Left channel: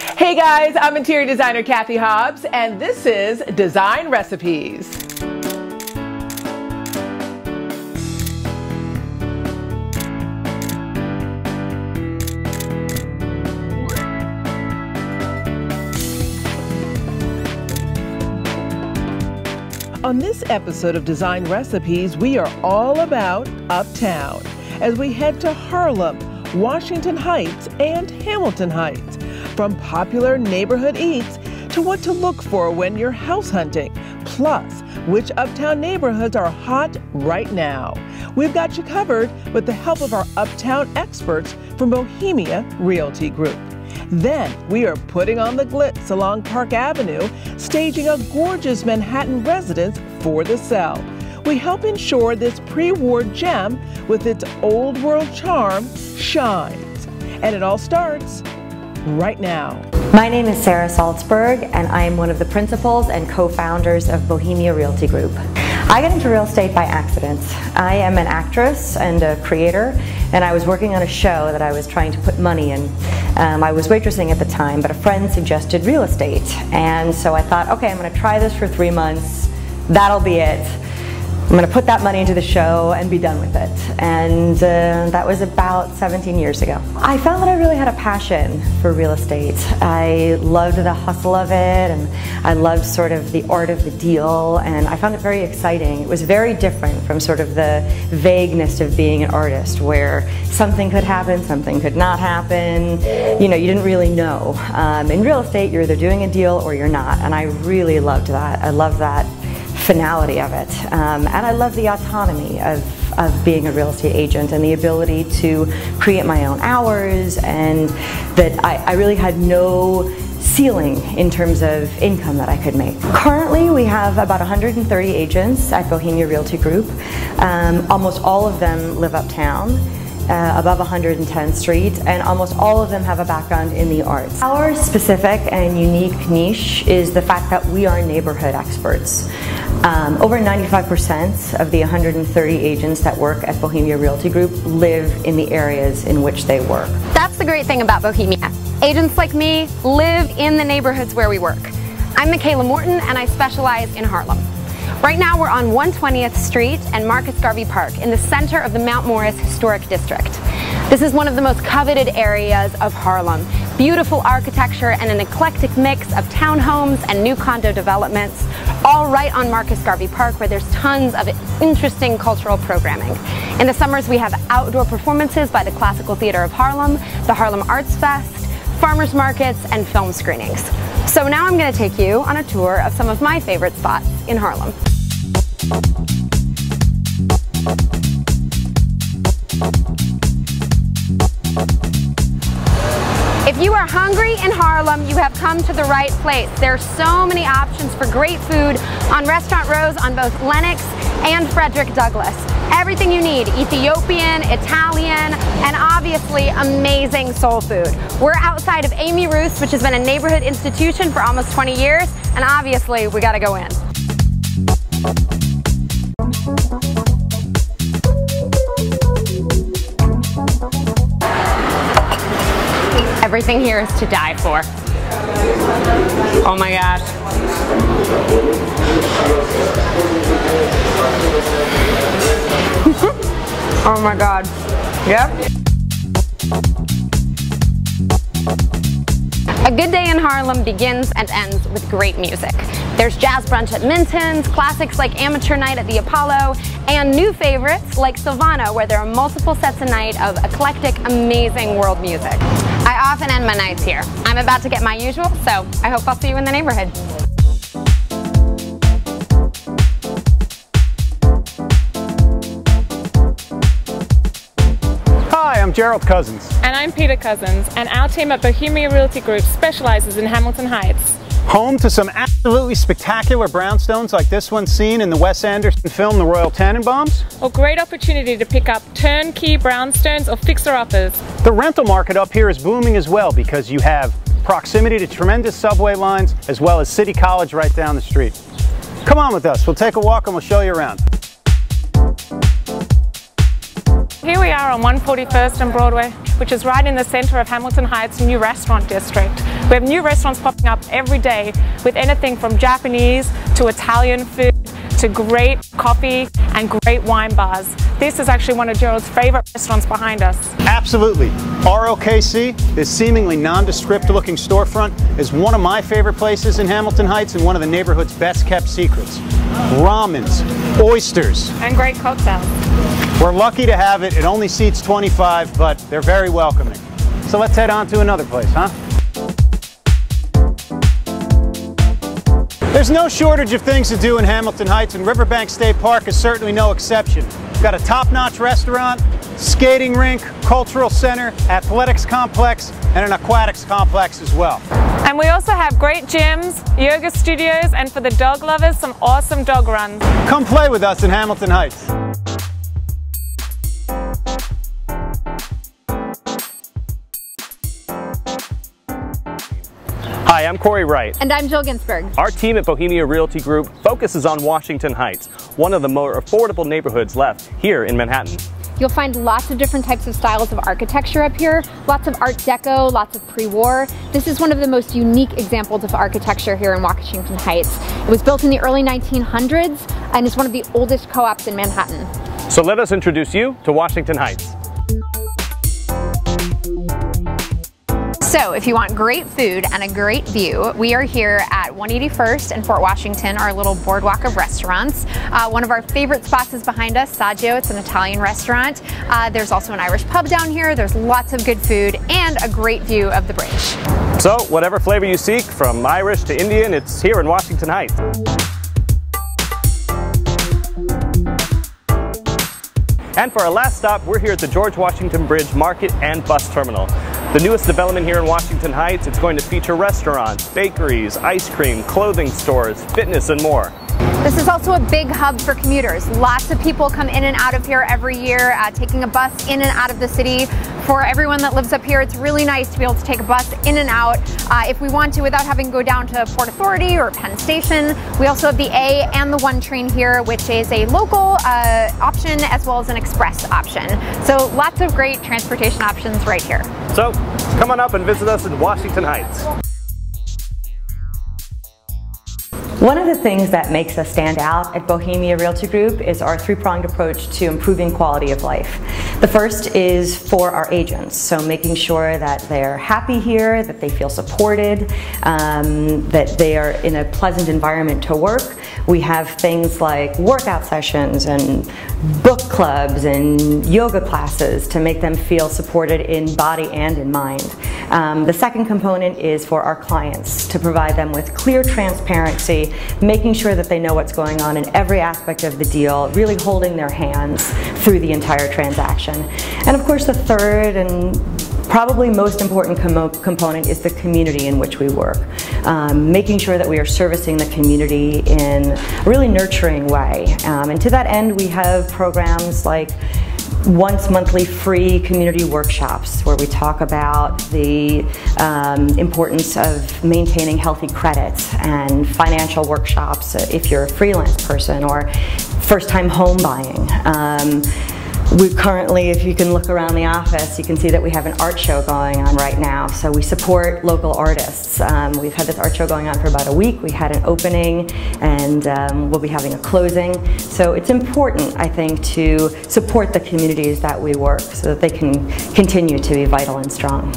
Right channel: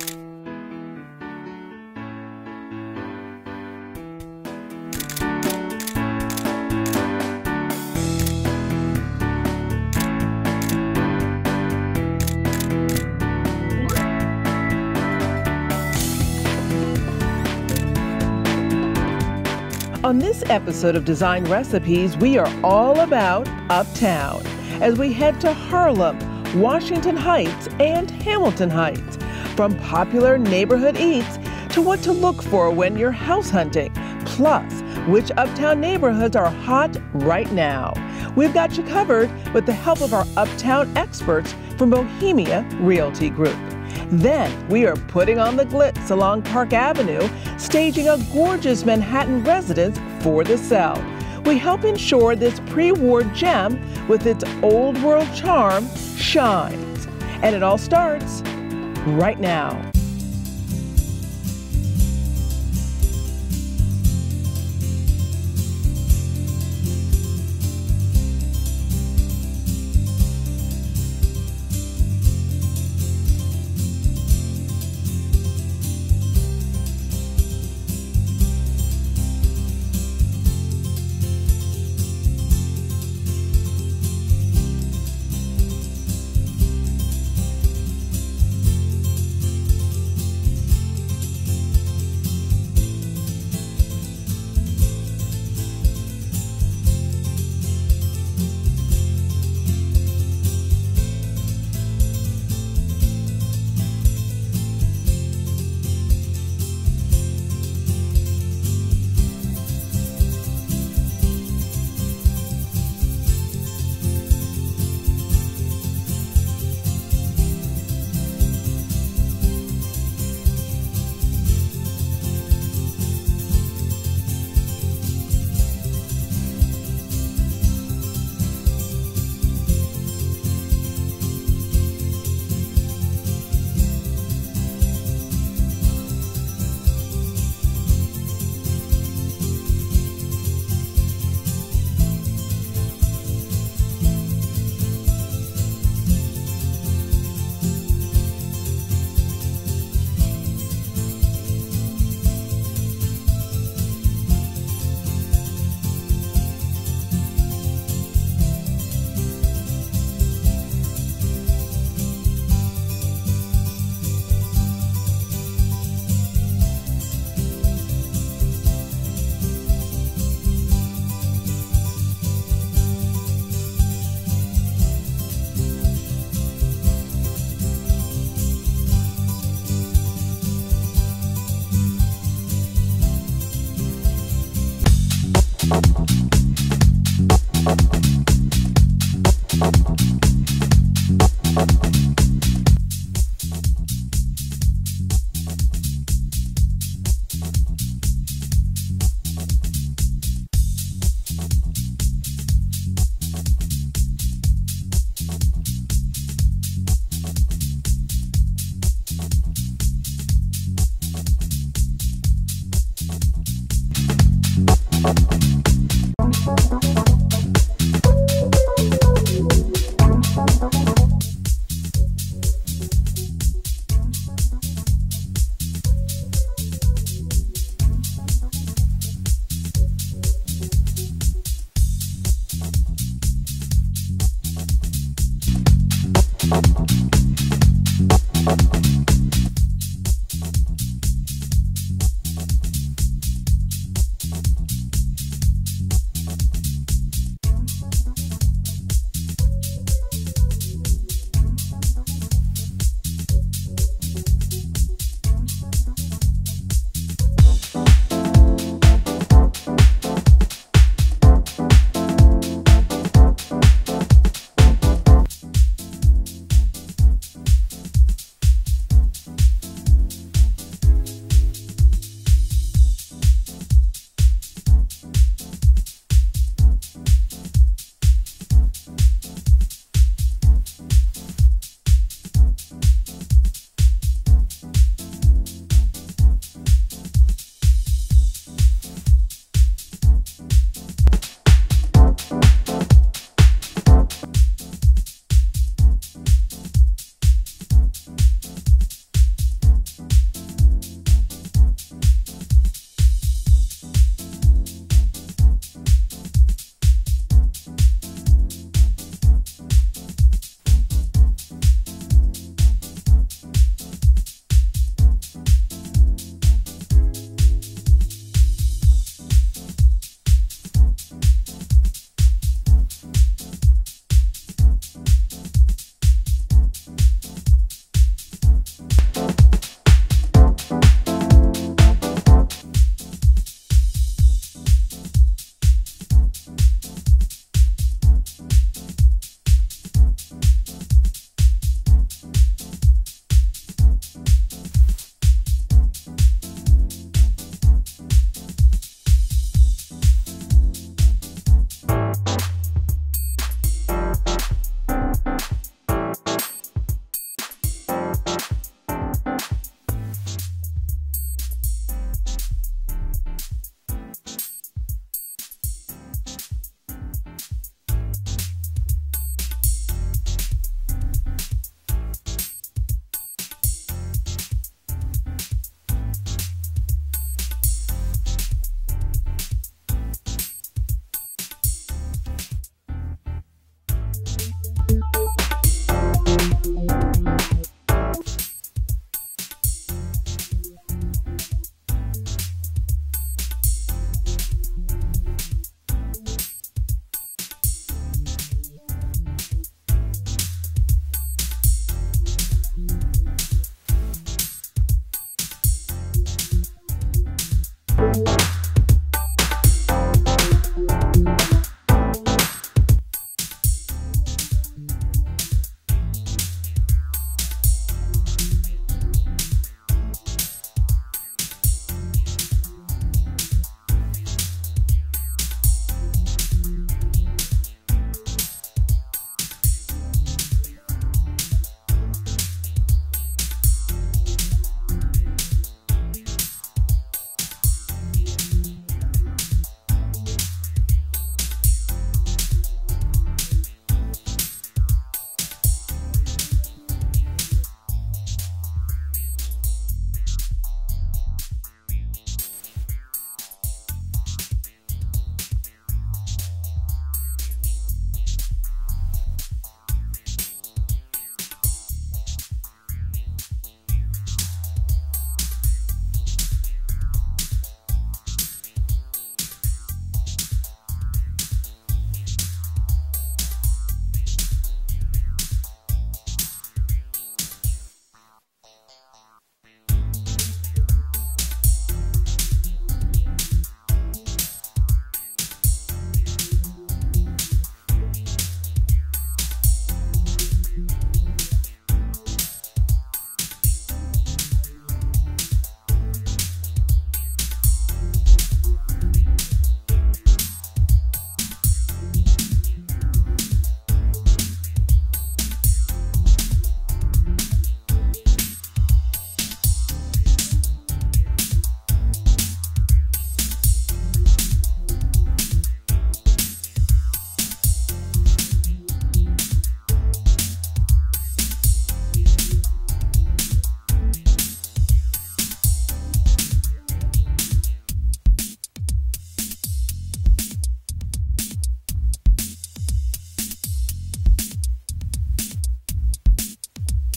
Hey guys, I'm Interior Designer Cathy Hobbs, and this is Design Recipes. On this episode of Design Recipes, we are all about Uptown as we head to Harlem, Washington Heights, and Hamilton Heights. From popular neighborhood eats to what to look for when you're house hunting, plus which Uptown neighborhoods are hot right now. We've got you covered with the help of our Uptown experts from Bohemia Realty Group. Then we are putting on the glitz along Park Avenue, staging a gorgeous Manhattan residence for the sale. We help ensure this pre-war gem with its old world charm shines. And it all starts right now. My name is Sarah Salzberg, and I am one of the principals and co-founders of Bohemia Realty Group. I got into real estate by accident. I am an actress and a creator, and I was working on a show that I was trying to put money in. I was waitressing at the time, but a friend suggested real estate, and so I thought, okay, I'm going to try this for 3 months. That'll be it. I'm going to put that money into the show and be done with it. And that was about 17 years ago. I found that I really had a passion for real estate. I loved the hustle of it, and I loved sort of the art of the deal, and I found it very exciting. It was very different from sort of the vagueness of being an artist, where something could happen, something could not happen. You know, you didn't really know. In real estate, you're either doing a deal or you're not, and I really loved that. I loved that finality of it, and I love the autonomy of being a real estate agent and the ability to create my own hours, and that I really had no ceiling in terms of income that I could make. Currently we have about 130 agents at Bohemia Realty Group. Almost all of them live uptown, above 110th Street, and almost all of them have a background in the arts. Our specific and unique niche is the fact that we are neighborhood experts. Over 95% of the 130 agents that work at Bohemia Realty Group live in the areas in which they work. That's the great thing about Bohemia. Agents like me live in the neighborhoods where we work. I'm Michaela Morton, and I specialize in Harlem. Right now we're on 120th Street and Marcus Garvey Park in the center of the Mount Morris Historic District. This is one of the most coveted areas of Harlem. Beautiful architecture and an eclectic mix of townhomes and new condo developments, all right on Marcus Garvey Park, where there's tons of interesting cultural programming. In the summers we have outdoor performances by the Classical Theater of Harlem, the Harlem Arts Fest, farmers markets, and film screenings. So now I'm going to take you on a tour of some of my favorite spots in Harlem. If you are hungry in Harlem, you have come to the right place. There are so many options for great food on Restaurant Rose on both Lenox and Frederick Douglass. Everything you need: Ethiopian, Italian, and obviously amazing soul food. We're outside of Amy Ruth's, which has been a neighborhood institution for almost 20 years, and obviously we gotta go in. Everything here is to die for. Oh my gosh. Oh my God. Yep. A good day in Harlem begins and ends with great music. There's jazz brunch at Minton's, classics like Amateur Night at the Apollo, and new favorites like Silvano, where there are multiple sets a night of eclectic, amazing world music. I often end my nights here. I'm about to get my usual, so I hope I'll see you in the neighborhood. Hi, I'm Gerald Cousins. And I'm Peter Cousins, and our team at Bohemia Realty Group specializes in Hamilton Heights. Home to some absolutely spectacular brownstones like this one seen in the Wes Anderson film The Royal Tenenbaums. A great opportunity to pick up turnkey brownstones or fixer-uppers. The rental market up here is booming as well because you have proximity to tremendous subway lines as well as City College right down the street. Come on with us, we'll take a walk and we'll show you around. Here we are on 141st and Broadway, which is right in the center of Hamilton Heights' new restaurant district. We have new restaurants popping up every day with anything from Japanese to Italian food to great coffee and great wine bars. This is actually one of Gerald's favorite restaurants behind us. Absolutely. ROKC, this seemingly nondescript looking storefront, is one of my favorite places in Hamilton Heights and one of the neighborhood's best kept secrets. Ramens, oysters. And great cocktails. We're lucky to have it. It only seats 25, but they're very welcoming. So let's head on to another place, huh? There's no shortage of things to do in Hamilton Heights, and Riverbank State Park is certainly no exception. We've got a top-notch restaurant, skating rink, cultural center, athletics complex, and an aquatics complex as well. And we also have great gyms, yoga studios, and for the dog lovers, some awesome dog runs. Come play with us in Hamilton Heights. Hi, I'm Corey Wright. And I'm Jill Ginsberg. Our team at Bohemia Realty Group focuses on Washington Heights, one of the more affordable neighborhoods left here in Manhattan. You'll find lots of different types of styles of architecture up here, lots of Art Deco, lots of pre-war. This is one of the most unique examples of architecture here in Washington Heights. It was built in the early 1900s and is one of the oldest co-ops in Manhattan. So let us introduce you to Washington Heights. So if you want great food and a great view, we are here at 181st and Fort Washington, our little boardwalk of restaurants. One of our favorite spots is behind us, Saggio. It's an Italian restaurant. There's also an Irish pub down here. There's lots of good food and a great view of the bridge. So whatever flavor you seek, from Irish to Indian, it's here in Washington Heights. And for our last stop, we're here at the George Washington Bridge Market and Bus Terminal. The newest development here in Washington Heights, it's going to feature restaurants, bakeries, ice cream, clothing stores, fitness, and more. This is also a big hub for commuters. Lots of people come in and out of here every year, taking a bus in and out of the city. For everyone that lives up here, it's really nice to be able to take a bus in and out if we want to without having to go down to Port Authority or Penn Station. We also have the A and the 1 train here, which is a local option as well as an express option. So lots of great transportation options right here. So come on up and visit us in Washington Heights. One of the things that makes us stand out at Bohemia Realty Group is our three-pronged approach to improving quality of life. The first is for our agents, so making sure that they're happy here, that they feel supported, that they are in a pleasant environment to work. We have things like workout sessions and book clubs and yoga classes to make them feel supported in body and in mind. The second component is for our clients, to provide them with clear transparency, making sure that they know what's going on in every aspect of the deal, really holding their hands through the entire transaction. And of course the third and probably most important component is the community in which we work. Making sure that we are servicing the community in a really nurturing way. And to that end, we have programs like once monthly free community workshops where we talk about the importance of maintaining healthy credits, and financial workshops if you're a freelance person or first-time home buying. We currently, if you can look around the office, you can see that we have an art show going on right now. So we support local artists. We've had this art show going on for about a week. We had an opening and we'll be having a closing. So it's important, I think, to support the communities that we work so that they can continue to be vital and strong.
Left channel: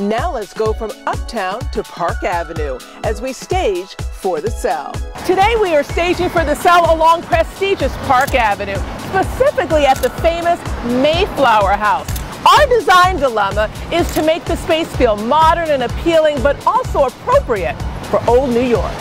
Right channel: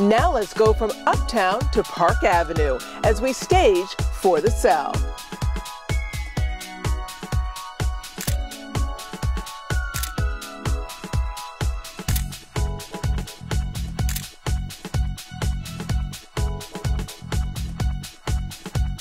Now let's go from Uptown to Park Avenue as we stage For the Cell. Today we are staging For the Cell along prestigious Park Avenue, specifically at the famous Mayflower House. Our design dilemma is to make the space feel modern and appealing, but also appropriate for old New York.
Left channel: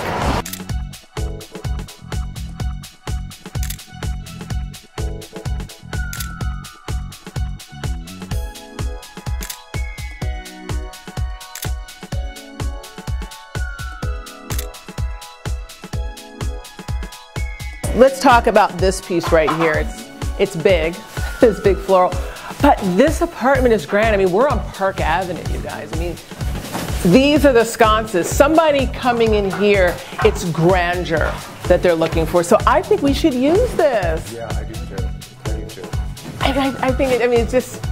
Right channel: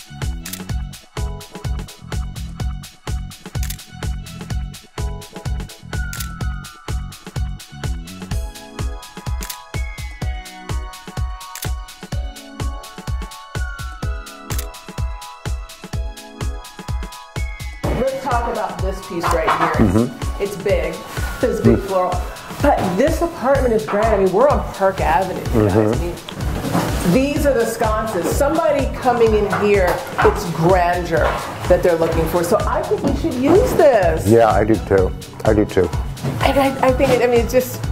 Let's talk about this piece right here. It's big, it's big floral. But this apartment is grand. I mean, we're on Park Avenue, you guys. I mean, these are the sconces. Somebody coming in here, it's grandeur that they're looking for. So I think we should use this. Yeah, I do too. I do too. I think, I mean, it's just,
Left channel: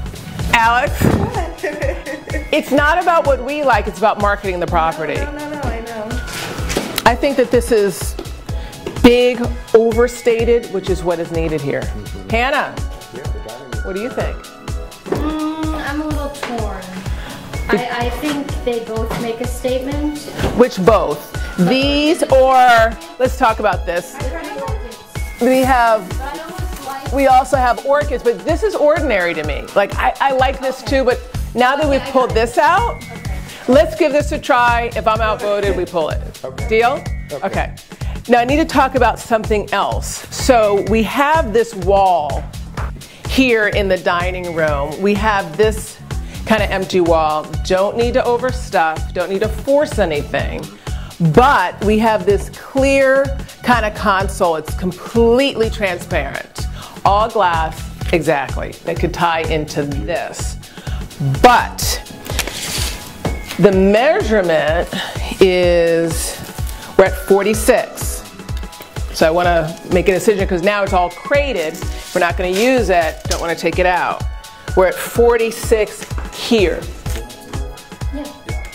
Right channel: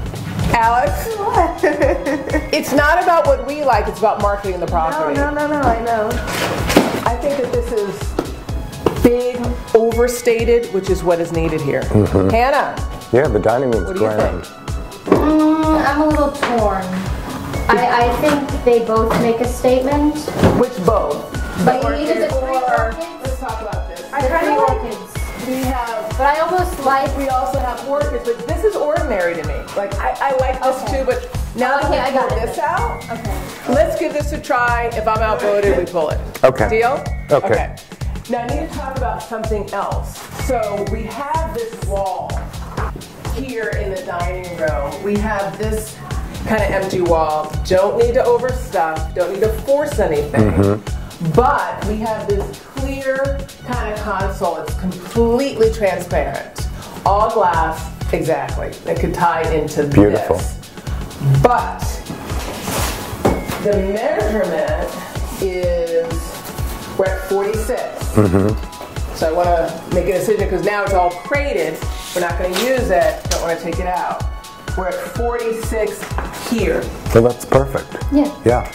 Alex. It's not about what we like, it's about marketing the property. No, I know. I think that this is big, overstated, which is what is needed here. Hannah. Yeah, the dining room's what do you grand. think? I'm a little torn. I think they both make a statement. Which both? These or, let's talk about this. I kind of orchids. We have, but I almost like. We also have orchids, but this is ordinary to me. Like, I like this too, but now that we've pulled this out, let's give this a try. If I'm outvoted, we pull it. Okay. Deal? Okay. Now I need to talk about something else. So we have this wall here in the dining room. We have this kind of empty wall. Don't need to overstuff, don't need to force anything. But we have this clear kind of console. It's completely transparent. All glass, exactly. It could tie into this. But the measurement is, we're at 46. So I want to make a decision because now it's all crated. We're not going to use it. Don't want to take it out. We're at 46 here. So that's perfect. Yeah.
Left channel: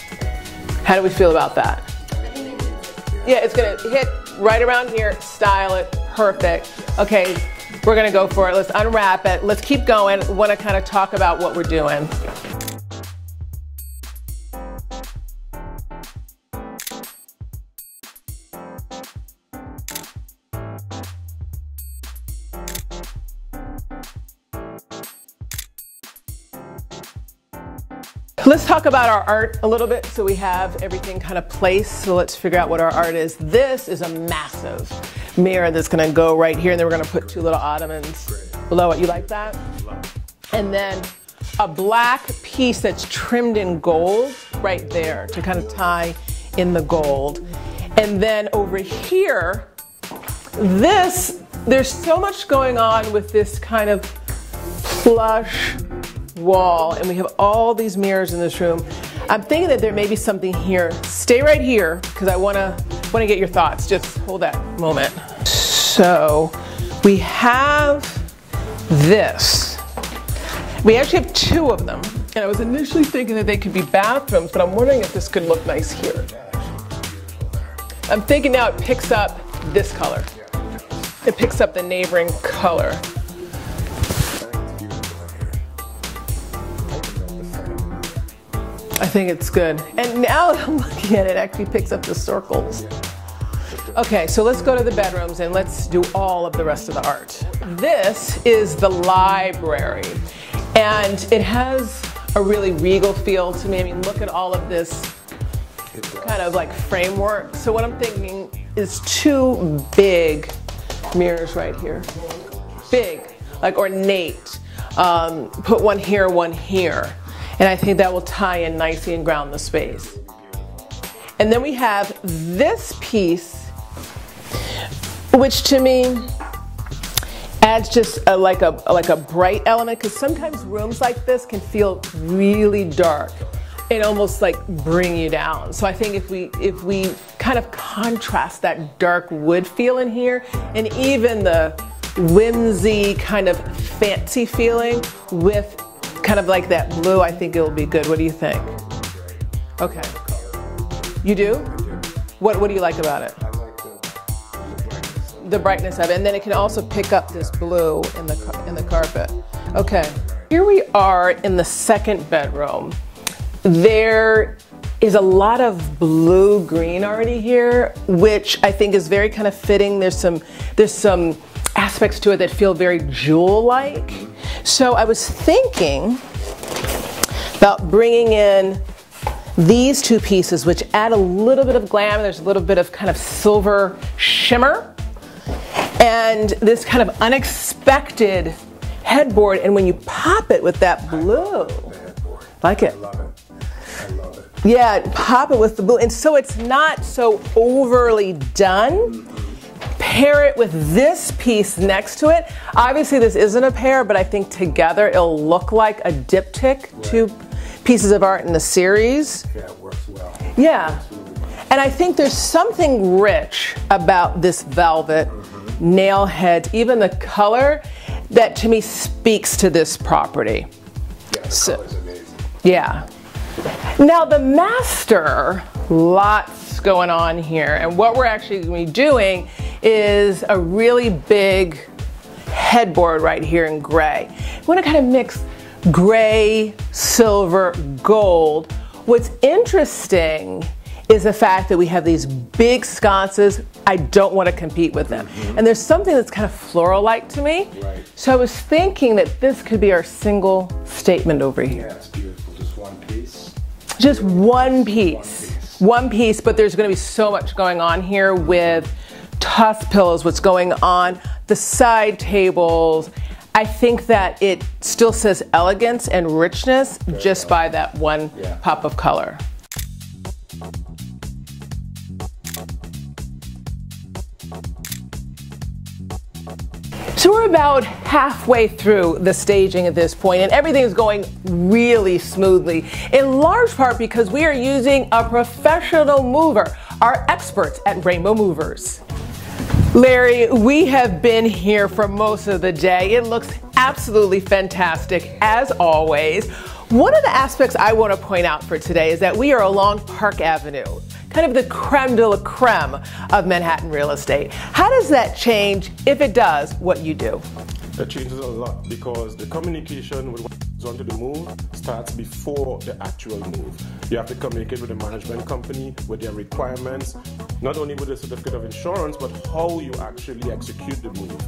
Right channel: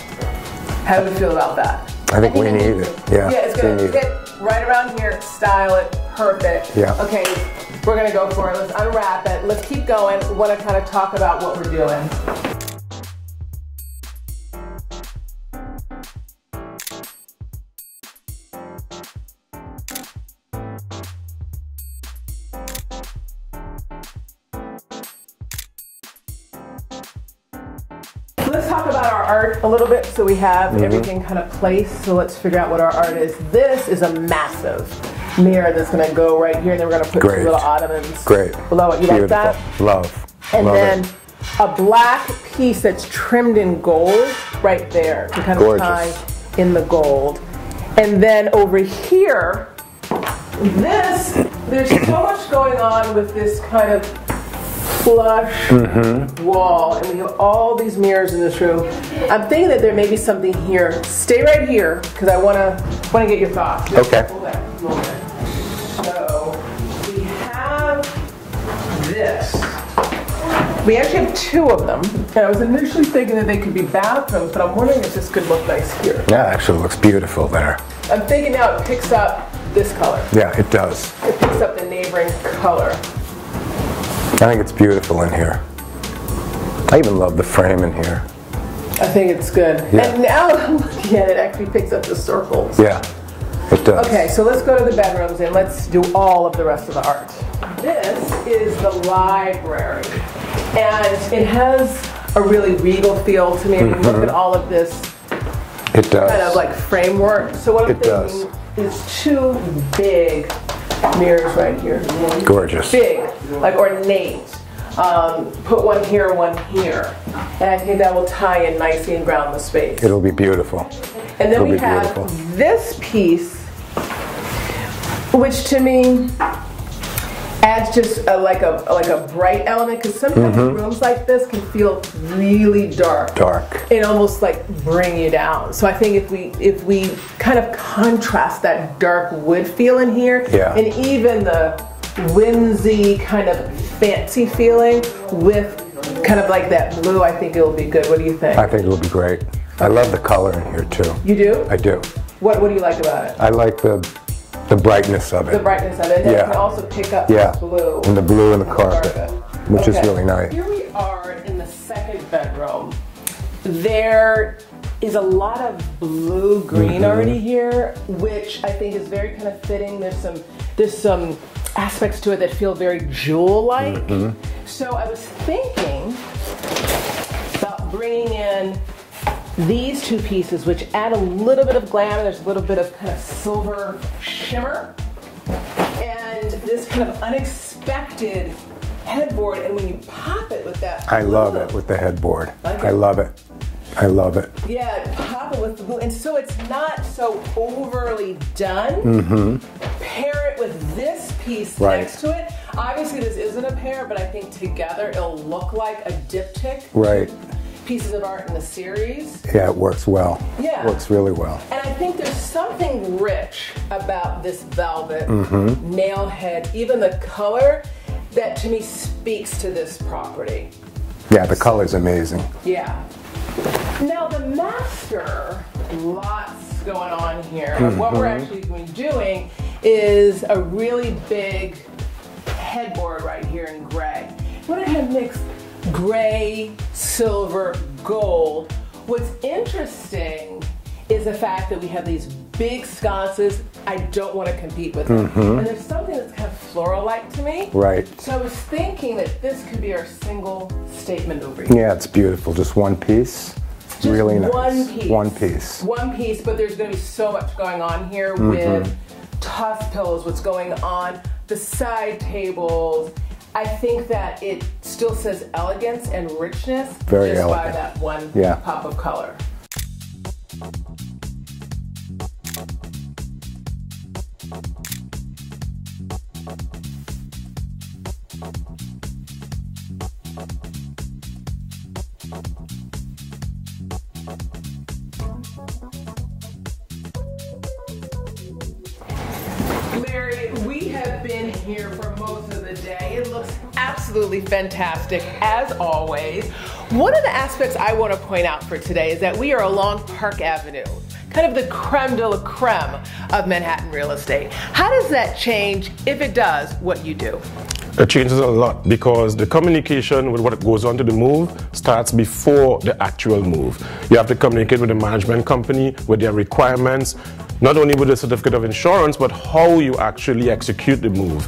How do we feel about that? I think we need it. Yeah, it's going to hit right around here, style it, perfect. Yeah. Okay, we're going to go for it. Let's unwrap it. Let's keep going. I want to kind of talk about what we're doing. Let's talk about our art a little bit so we have everything kind of placed. So let's figure out what our art is. This is a massive mirror that's going to go right here. And then we're going to put two little ottomans below it. You like that? Love. And then a black piece that's trimmed in gold right there to kind of tie in the gold. And then over here, there's so much going on with this kind of flush wall, and we have all these mirrors in this room. I'm thinking that there may be something here. Stay right here because I want to get your thoughts. Just hold that moment. So we have this. We actually have two of them, and I was initially thinking that they could be bathrooms, but I'm wondering if this could look nice here. Yeah, actually looks beautiful there. I'm thinking now it picks up this color. Yeah, it does. It picks up the neighboring color. I think it's beautiful in here. I even love the frame in here. I think it's good. Yeah. And now that I'm looking at it, it actually picks up the circles. Yeah, it does. Okay, so let's go to the bedrooms and let's do all of the rest of the art. This is the library, and it has a really regal feel to me. Look at all of this It does. kind of like framework. So what I'm thinking is two big mirrors right here. Gorgeous. Big, like ornate. Put one here, one here. And I think that will tie in nicely and ground the space. It'll be beautiful. And then we have this piece, which to me adds just like a bright element, because sometimes rooms like this can feel really dark. It almost like bring you down. So I think if we kind of contrast that dark wood feel in here, and even the whimsy kind of fancy feeling with kind of like that blue, I think it'll be good. What do you think? I think it'll be great. I love the color in here too. You do? I do. What do you like about it? I like the brightness of it. The brightness of it. And then it can also pick up this blue. And the blue in the carpet. Which is really nice. Here we are in the second bedroom. There is a lot of blue-green already here, which I think is very kind of fitting. There's some aspects to it that feel very jewel-like. So I was thinking about bringing in these two pieces, which add a little bit of glam. There's a little bit of kind of silver shimmer, and this kind of unexpected headboard. And when you pop it with that blue, I love it with the headboard. Like it? I love it. I love it. Yeah, pop it with the blue, and so it's not so overly done. Pair it with this piece next to it. Obviously, this isn't a pair, but I think together it'll look like a diptych. Two pieces of art in the series. Yeah, it works well. Yeah. It works really well. And I think there's something rich about this velvet, nail head, even the color, that to me speaks to this property. Yeah, the color's amazing. Yeah. Now the master, lots going on here. And what we're actually going to be doing is a really big headboard right here in gray. We want to kind of mix gray, silver, gold. What's interesting is the fact that we have these big sconces. I don't want to compete with them. And there's something that's kind of floral-like to me. Right. So I was thinking that this could be our single statement over here. Yeah, it's beautiful. Just one piece. Just really one nice. piece. One piece. One piece, but there's going to be so much going on here with tuff pillows, what's going on, the side tables. I think that it still says elegance and richness Very just by elegant. that one pop of color. So we're about halfway through the staging at this point, and everything is going really smoothly, in large part because we are using a professional mover, our experts at Rainbow Movers. Larry, we have been here for most of the day. It looks absolutely fantastic, as always. One of the aspects I want to point out for today is that we are along Park Avenue, kind of the creme de la creme of Manhattan real estate. How does that change, if it does, what you do? It changes a lot because the communication with what goes on to the move starts before the actual move. You have to communicate with the management company, with their requirements, not only with the certificate of insurance, but how you actually execute the move.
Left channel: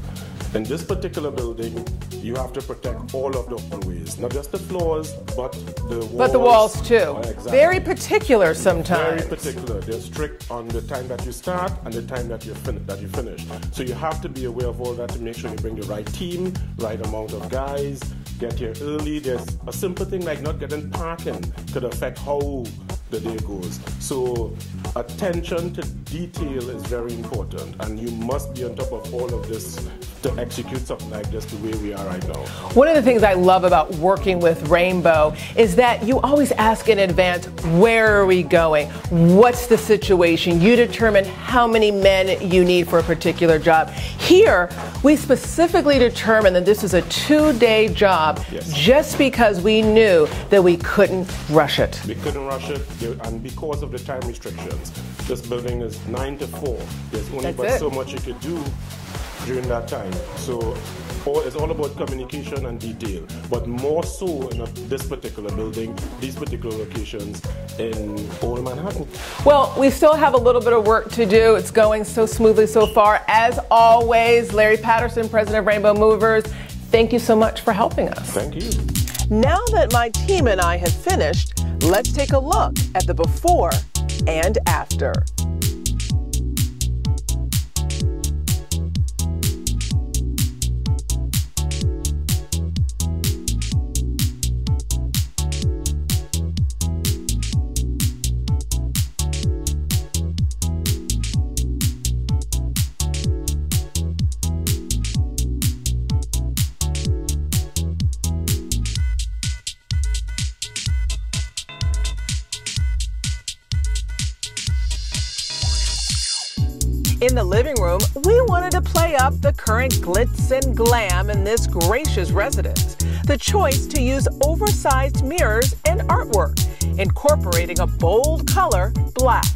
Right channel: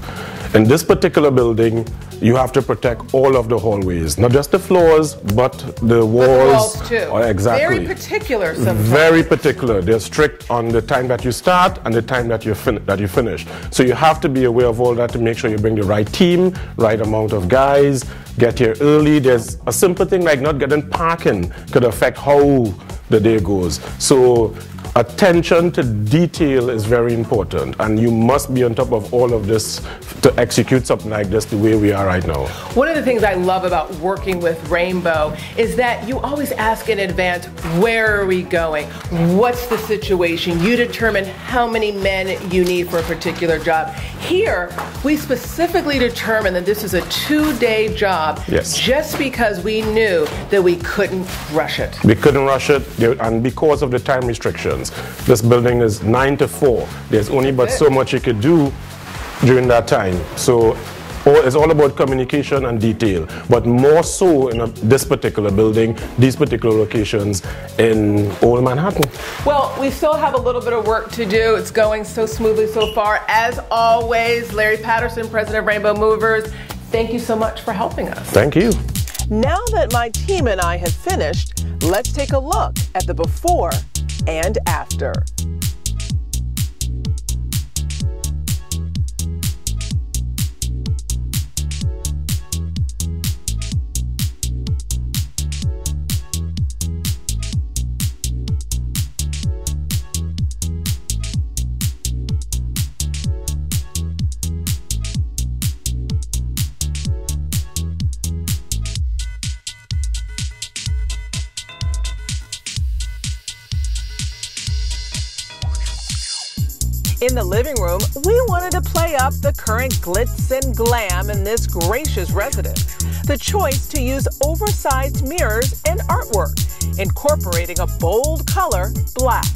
In this particular building, you have to protect all of the hallways, not just the floors, but the walls. But the walls too. Oh, exactly. Very particular sometimes. Very particular. They're strict on the time that you start and the time that you finish. So you have to be aware of all that to make sure you bring the right team, right amount of guys, get here early. There's a simple thing like not getting parking could affect how the day goes. So attention to detail is very important, and you must be on top of all of this to execute something like this the way we are right now. One of the things I love about working with Rainbow is that you always ask in advance, where are we going? What's the situation? You determine how many men you need for a particular job. Here, we specifically determined that this is a 2-day job just because we knew that we couldn't rush it. We couldn't rush it, and because of the time restrictions. This building is 9 to 4. There's only but so much you could do during that time. So it's all about communication and detail, but more so in this particular building, these particular locations in Old Manhattan. Well, we still have a little bit of work to do. It's going so smoothly so far. As always, Larry Patterson, President of Rainbow Movers, thank you so much for helping us. Thank you. Now that my team and I have finished, let's take a look at the before and after. In the living room, we wanted to play up the current glitz and glam in this gracious residence. The choice to use oversized mirrors and artwork, incorporating a bold color, black.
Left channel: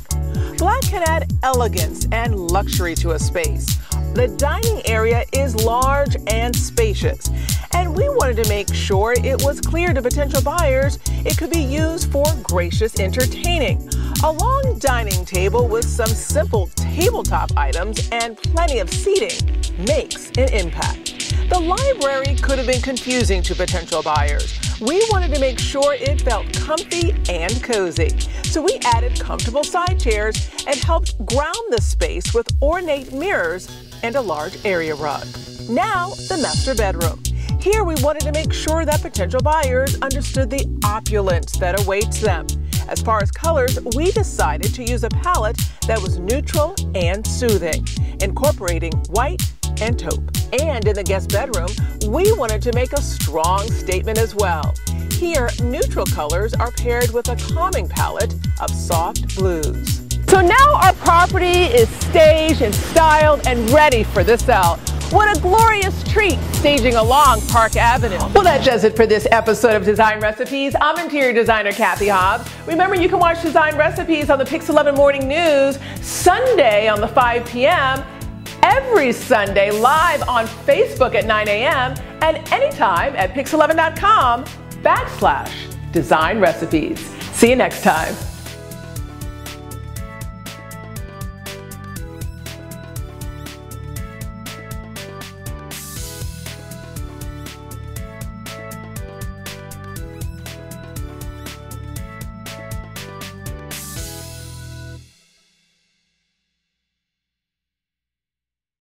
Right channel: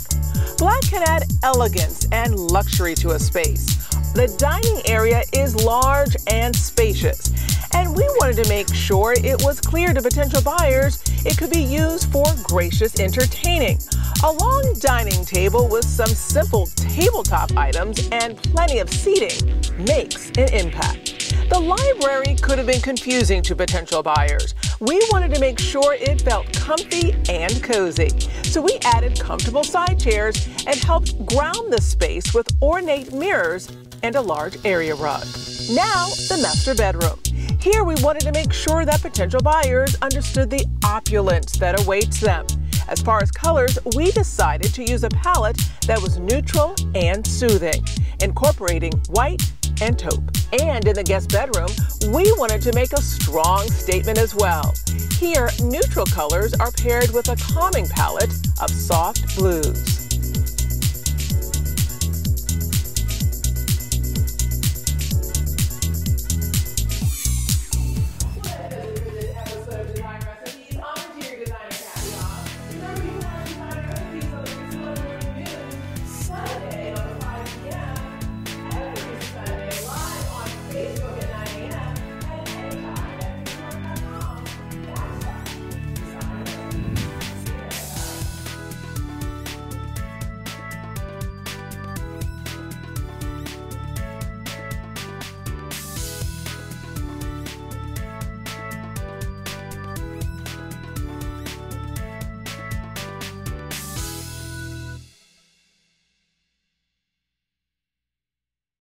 Black can add elegance and luxury to a space. The dining area is large and spacious, and we wanted to make sure it was clear to potential buyers it could be used for gracious entertaining. A long dining table with some simple tabletop items and plenty of seating makes an impact. The library could have been confusing to potential buyers. We wanted to make sure it felt comfy and cozy. So we added comfortable side chairs and helped ground the space with ornate mirrors and a large area rug. Now, the master bedroom. Here we wanted to make sure that potential buyers understood the opulence that awaits them. As far as colors, we decided to use a palette that was neutral and soothing, incorporating white and taupe. And in the guest bedroom, we wanted to make a strong statement as well. Here, neutral colors are paired with a calming palette of soft blues. So now our property is staged and styled and ready for the sell. What a glorious treat staging along Park Avenue. Well, that does it for this episode of Design Recipes. I'm Interior Designer Cathy Hobbs. Remember, you can watch Design Recipes on the Pix 11 Morning News Sunday on the 5 p.m., every Sunday live on Facebook at 9 a.m., and anytime at pix11.com/Design Recipes. See you next time.